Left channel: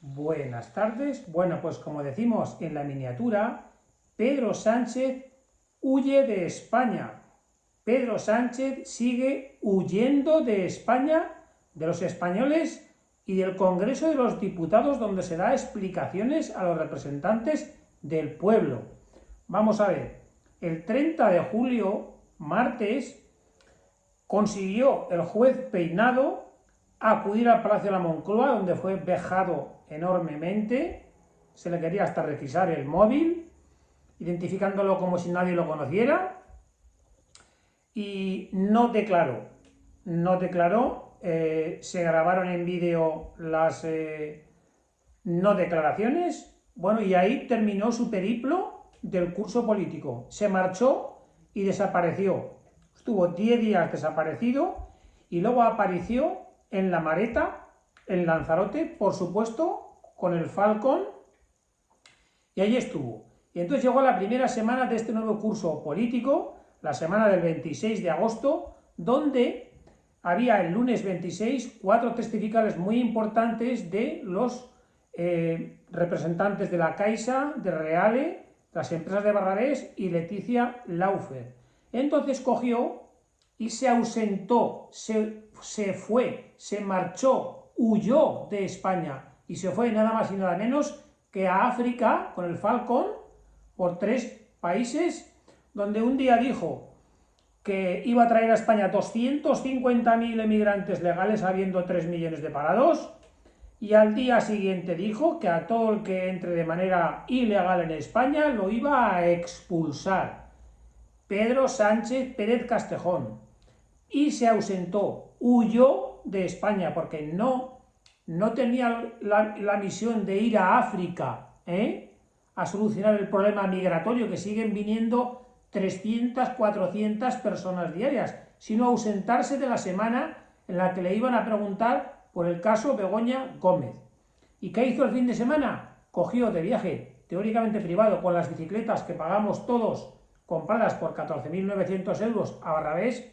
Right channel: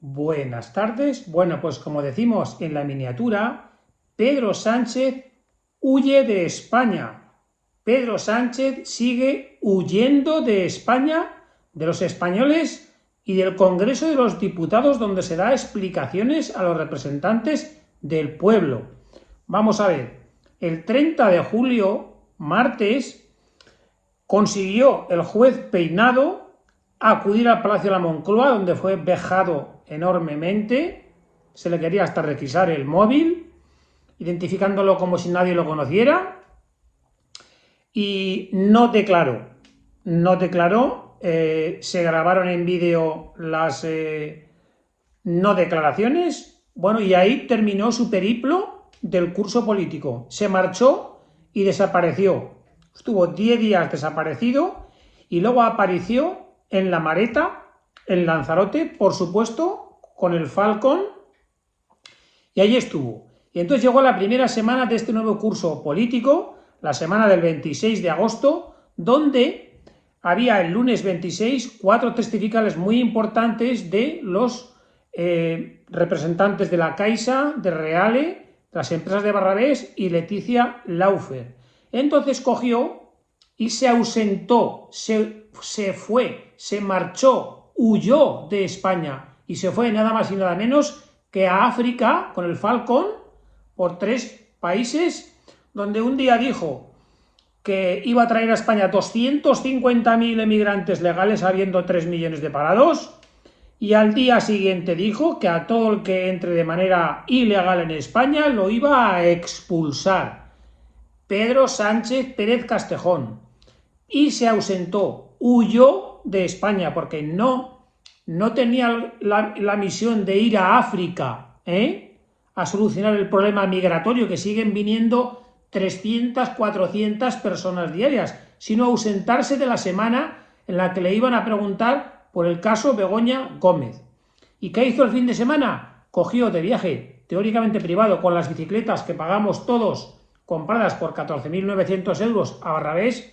Buenas tardes. Bueno, pues como decimos en la miniatura, Pedro Sánchez huye de España. Pedro Sánchez sigue huyendo de España, de los españoles y del Congreso de los Diputados, donde se da explicaciones a los representantes del pueblo. Vamos a ver, el 30 de julio, martes, consiguió el juez Peinado acudir al Palacio de la Moncloa, donde fue vejado enormemente. Se le quería hasta requisar el móvil, identificándolo como si nadie lo conociera, y no declaró. Se grabaron en vídeo las no declaraciones. Bueno, y ahí terminó su periplo del curso político. Se marchó y desapareció. Estuvo 10 días desaparecido y luego apareció en La Mareta, en Lanzarote, por supuesto, con el Falcon, y ahí estuvo. Y entonces llegó la primera semana de este nuevo curso político, la semana del 26 de agosto, donde había el lunes 26 4 testificales muy importantes de los representantes de la Caixa, de Reale, las empresas de Barrabés y Leticia Laufer. Entonces cogió y se ausentó, se fue, se marchó, huyó de España y se fue nada más y nada menos que a África con el Falcon por 3 países, donde un día dijo que iba a traer a España 250.000 emigrantes legales habiendo 3 millones de parados, y al día siguiente dijo que a todo el que entre de manera ilegal en España lo iba a expulsar. Pedro Sánchez Pérez Castejón. Y se ausentó, huyó de España porque no tenía la misión de ir a África a solucionar el problema migratorio, que siguen viniendo 300, 400 personas diarias, sino ausentarse de la semana en la que le iban a preguntar por el caso Begoña Gómez. ¿Y qué hizo el fin de semana? Cogió de viaje teóricamente privado con las bicicletas que pagamos todos, compradas por 14.900 euros a Barrabés,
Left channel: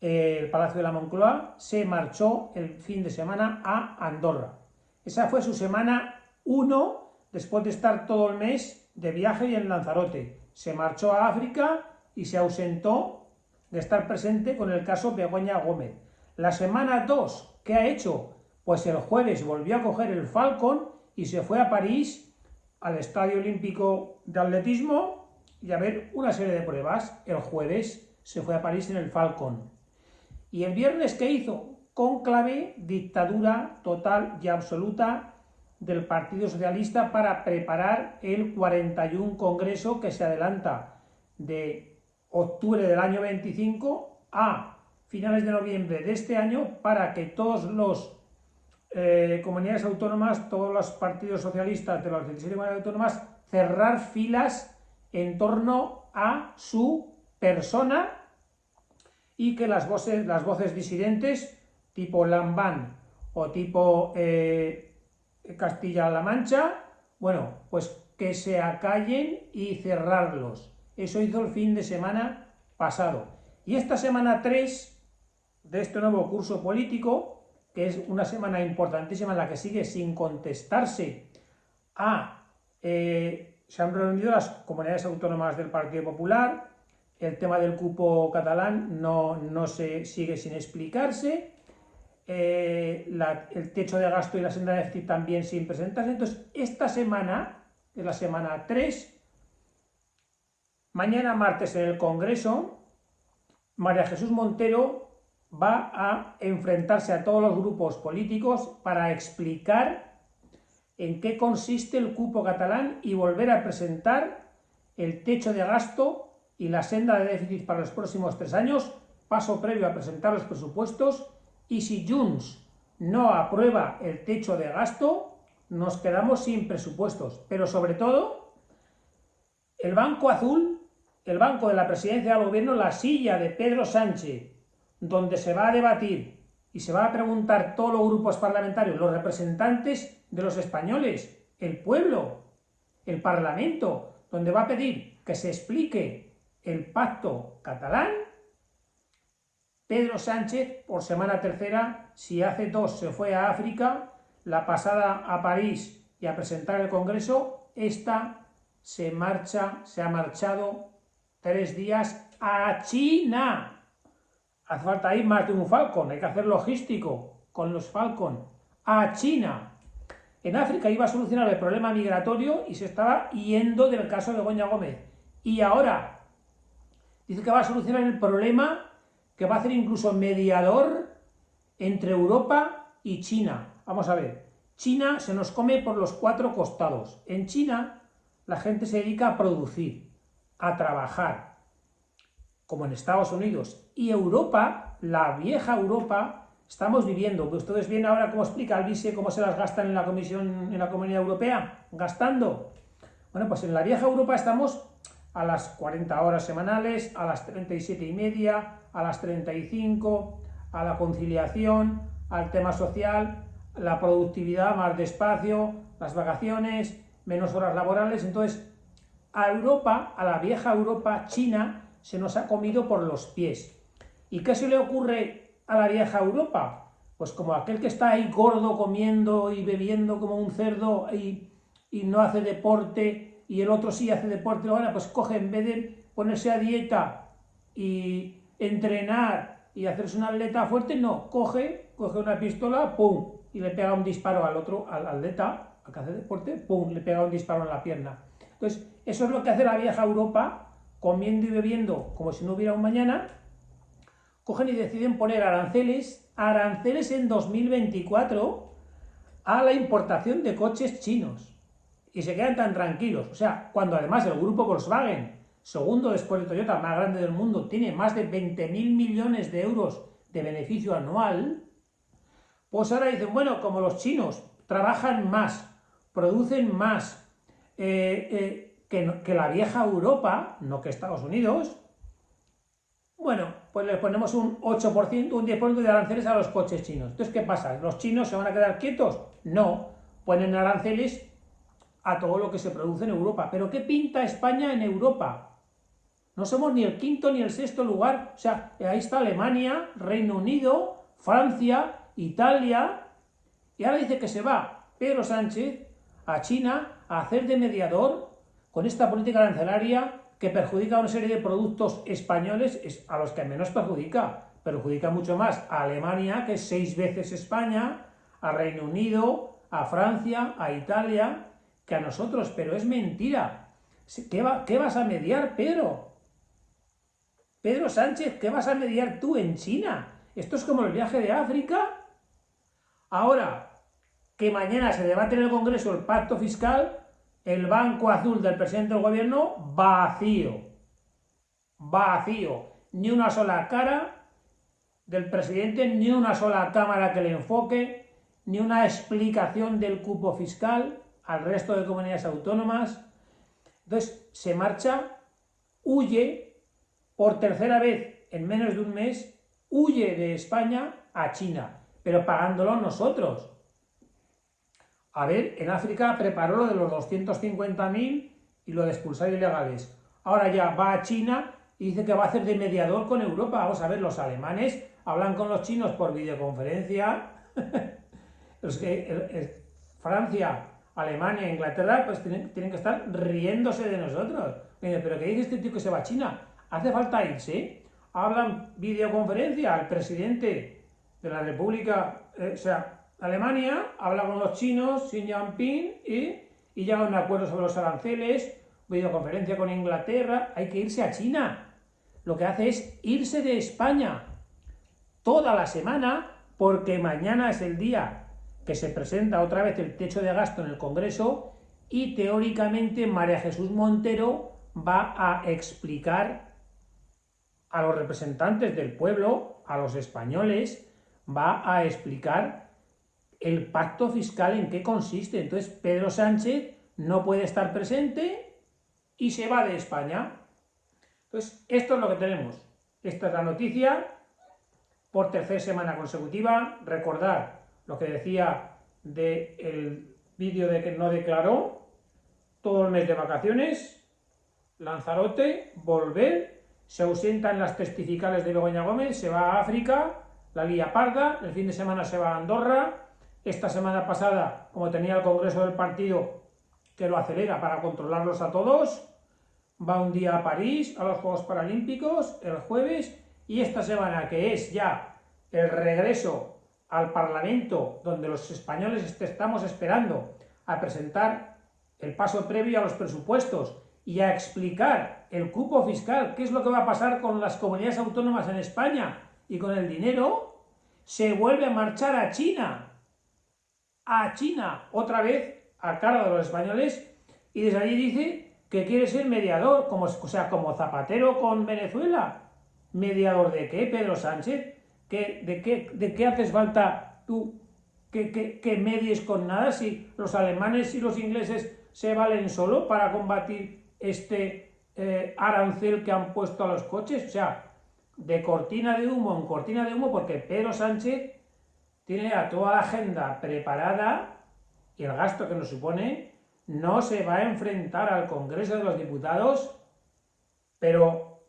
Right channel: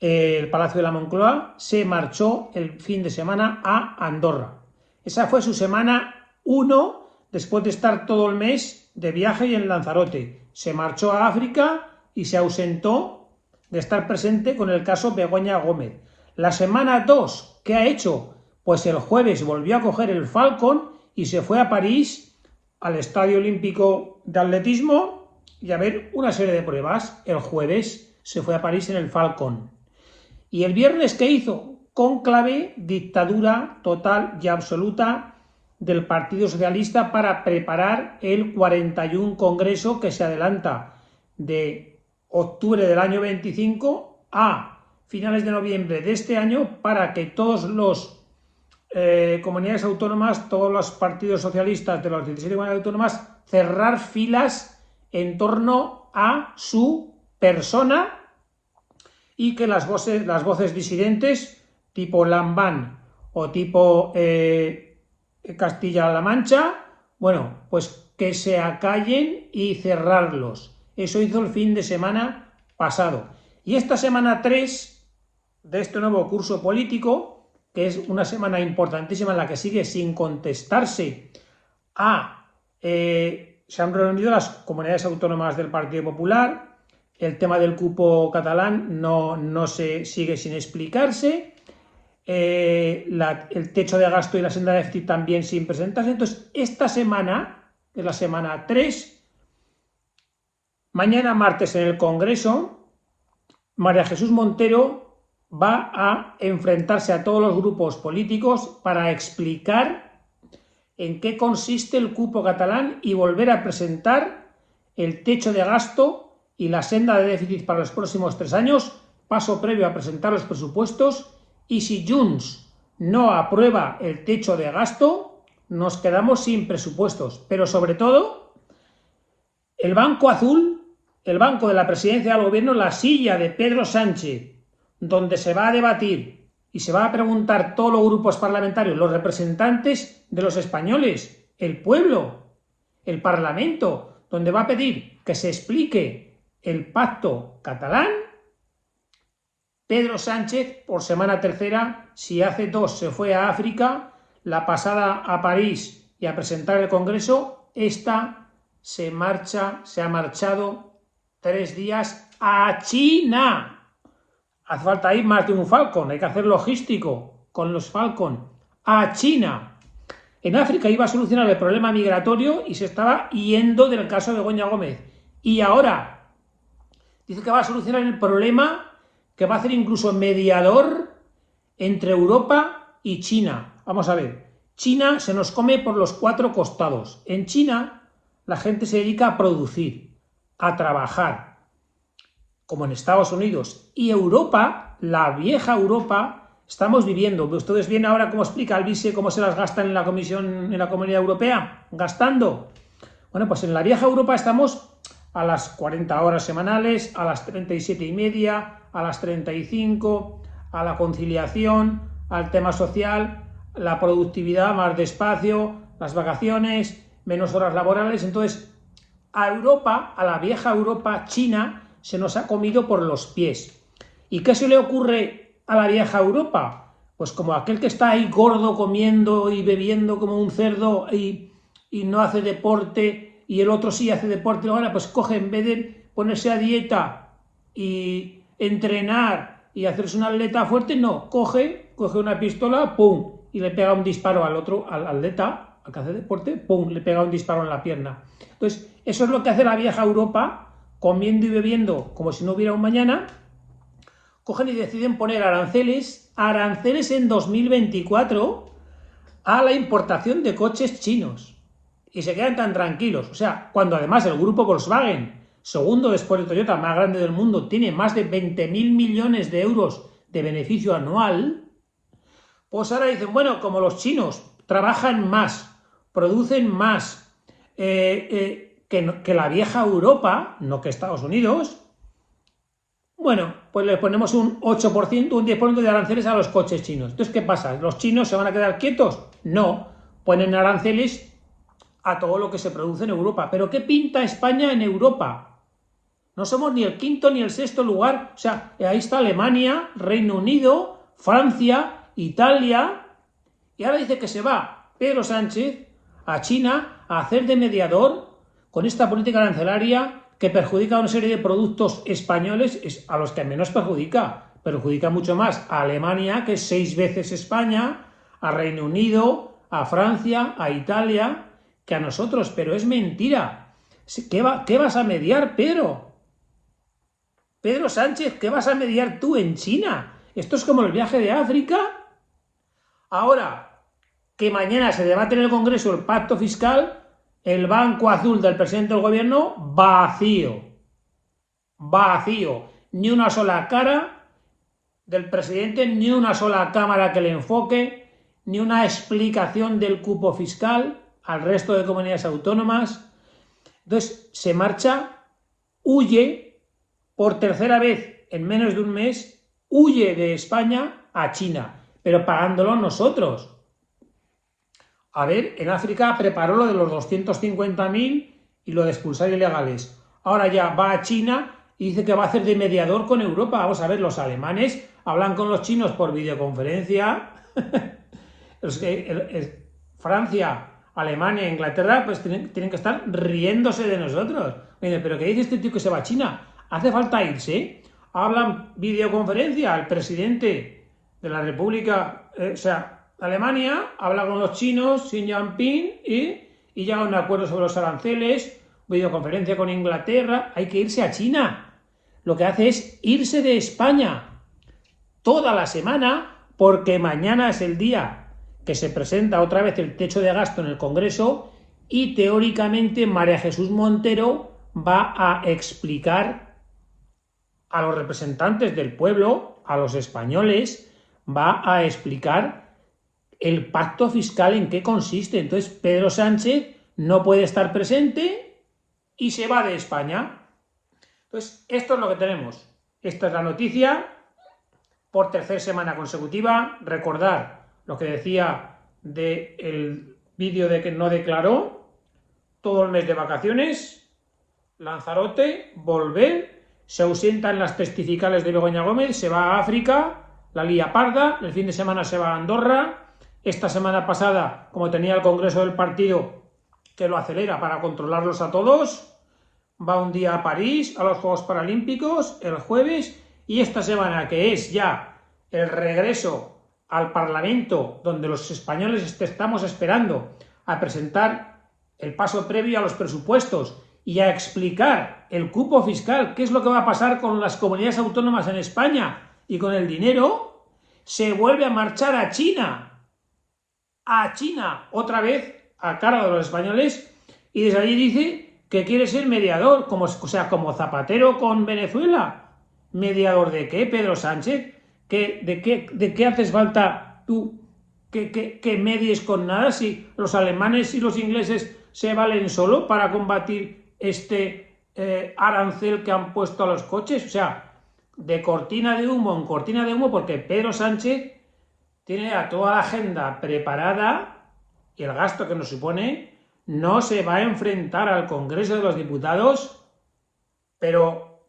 el Palacio de la Moncloa, se marchó el fin de semana a Andorra. Esa fue su semana 1, después de estar todo el mes de viaje y en Lanzarote. Se marchó a África y se ausentó de estar presente con el caso Begoña Gómez. La semana 2, ¿qué ha hecho? Pues el jueves volvió a coger el Falcon y se fue a París, al Estadio Olímpico de Atletismo, y a ver una serie de pruebas. El jueves se fue a París en el Falcon. ¿Y el viernes qué hizo? Cónclave, dictadura total y absoluta del Partido Socialista para preparar el 41 Congreso que se adelanta de octubre del año 25 a finales de noviembre de este año, para que todos los comunidades autónomas, todos los partidos socialistas de las 17 comunidades autónomas, cerrar filas en torno a su persona, y que las voces disidentes tipo Lambán o tipo Castilla-La Mancha, bueno, pues que se acallen y cerrarlos. Eso hizo el fin de semana pasado. Y esta semana 3 de este nuevo curso político, que es una semana importantísima en la que sigue sin contestarse se han reunido las comunidades autónomas del Partido Popular. El tema del cupo catalán no se sigue sin explicarse. El techo de gasto y la senda de déficit también sin presentarse. Entonces, esta semana, que es la semana 3, mañana martes en el Congreso, María Jesús Montero va a enfrentarse a todos los grupos políticos para explicar en qué consiste el cupo catalán y volver a presentar el techo de gasto y la senda de déficit para los próximos 3 años, paso previo a presentar los presupuestos. Y si Junts no aprueba el techo de gasto, nos quedamos sin presupuestos. Pero sobre todo, el banco azul, el banco de la presidencia del gobierno, la silla de Pedro Sánchez, donde se va a debatir y se va a preguntar todos los grupos parlamentarios, los representantes de los españoles, el pueblo, el Parlamento, donde va a pedir que se explique el pacto catalán. Pedro Sánchez, por semana tercera, si hace 2 se fue a África, la pasada a París y a presentar el Congreso, esta se ha marchado 3 días a China. Hace falta ir más de un Falcon, hay que hacer logístico con los Falcon a China. En África iba a solucionar el problema migratorio y se estaba yendo del caso de Begoña Gómez. Y ahora dice que va a solucionar el problema, que va a hacer incluso mediador entre Europa y China. Vamos a ver, China se nos come por los 4 costados. En China la gente se dedica a producir, a trabajar, como en Estados Unidos. Y Europa, la vieja Europa, estamos viviendo. Ustedes ven ahora cómo explica Alvise cómo se las gastan en la Comunidad Europea, gastando. Bueno, pues en la vieja Europa estamos a las 40 horas semanales, a las 37,5, a las 35, a la conciliación, al tema social, la productividad más despacio, las vacaciones, menos horas laborales. Entonces, a Europa, a la vieja Europa, China, se nos ha comido por los pies. ¿Y qué se le ocurre a la vieja Europa? Pues como aquel que está ahí gordo comiendo y bebiendo como un cerdo y no hace deporte, y el otro sí hace deporte, ahora pues coge, en vez de ponerse a dieta y entrenar y hacerse una atleta fuerte, no, coge una pistola, pum, y le pega un disparo al otro, al atleta, al que hace deporte, pum, le pega un disparo en la pierna. Entonces, eso es lo que hace la vieja Europa, comiendo y bebiendo como si no hubiera un mañana. Cogen y deciden poner aranceles en 2024 a la importación de coches chinos. Y se quedan tan tranquilos. O sea, cuando además el grupo Volkswagen, segundo después de Toyota, más grande del mundo, tiene más de 20.000 millones de euros de beneficio anual, pues ahora dicen, bueno, como los chinos trabajan más, producen más que la vieja Europa, no que Estados Unidos, bueno, pues le ponemos un 8%, un 10% de aranceles a los coches chinos. Entonces, ¿qué pasa? ¿Los chinos se van a quedar quietos? No, ponen aranceles a todo lo que se produce en Europa. ¿Pero qué pinta España en Europa? No somos ni el quinto ni el sexto lugar. O sea, ahí está Alemania, Reino Unido, Francia, Italia. Y ahora dice que se va Pedro Sánchez a China a hacer de mediador con esta política arancelaria que perjudica a una serie de productos españoles, a los que menos perjudica mucho más a Alemania, que es 6 veces España, a Reino Unido, a Francia, a Italia, que a nosotros. Pero es mentira. ¿Qué vas a mediar, Pedro? Pedro Sánchez, ¿qué vas a mediar tú en China? Esto es como el viaje de África. Ahora, que mañana se debate en el Congreso el pacto fiscal, el banco azul del presidente del gobierno vacío. Vacío. Ni una sola cara del presidente, ni una sola cámara que le enfoque, ni una explicación del cupo fiscal al resto de comunidades autónomas. Entonces se marcha, huye por tercera vez en menos de un mes, huye de España a China, pero pagándolo nosotros. A ver, en África preparó lo de los 250.000 y lo de expulsar ilegales. Ahora ya va a China y dice que va a hacer de mediador con Europa. Vamos a ver, los alemanes hablan con los chinos por videoconferencia. Francia, Alemania, Inglaterra, pues tienen que estar riéndose de nosotros. Oye, ¿pero qué dice este tío que se va a China? ¿Hace falta irse? Hablan videoconferencia al presidente de la República, Alemania, habla con los chinos, Xi Jinping, y llega a un acuerdo sobre los aranceles, videoconferencia con Inglaterra. Hay que irse a China. Lo que hace es irse de España toda la semana, porque mañana es el día que se presenta otra vez el techo de gasto en el Congreso y teóricamente María Jesús Montero va a explicar a los representantes del pueblo, a los españoles, va a explicar el pacto fiscal en qué consiste. Entonces Pedro Sánchez no puede estar presente y se va de España. Entonces esto es lo que tenemos. Esta es la noticia por tercera semana consecutiva. Recordar lo que decía del vídeo de que no declaró, todo el mes de vacaciones, Lanzarote, volver, se ausentan las testificales de Begoña Gómez, se va a África, la lía parda, el fin de semana se va a Andorra, esta semana pasada, como tenía el Congreso del Partido, que lo acelera para controlarlos a todos, va un día a París, a los Juegos Paralímpicos, el jueves, y esta semana, que es ya el regreso al Parlamento, donde los españoles estamos esperando a presentar el paso previo a los presupuestos y a explicar el cupo fiscal, qué es lo que va a pasar con las comunidades autónomas en España y con el dinero, se vuelve a marchar a China, otra vez a cargo de los españoles, y desde allí dice que quiere ser mediador, o sea, como Zapatero con Venezuela. ¿Mediador de qué, Pedro Sánchez? ¿De qué haces falta tú que medies con nada si los alemanes y los ingleses se valen solo para combatir este arancel que han puesto a los coches? O sea, de cortina de humo en cortina de humo, porque Pedro Sánchez tiene a toda la agenda preparada y el gasto que nos supone. No se va a enfrentar al Congreso de los Diputados, pero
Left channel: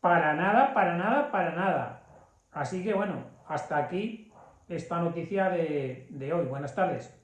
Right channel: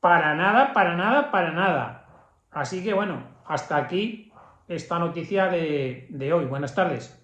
para nada, para nada, para nada. Así que bueno, hasta aquí esta noticia de hoy. Buenas tardes.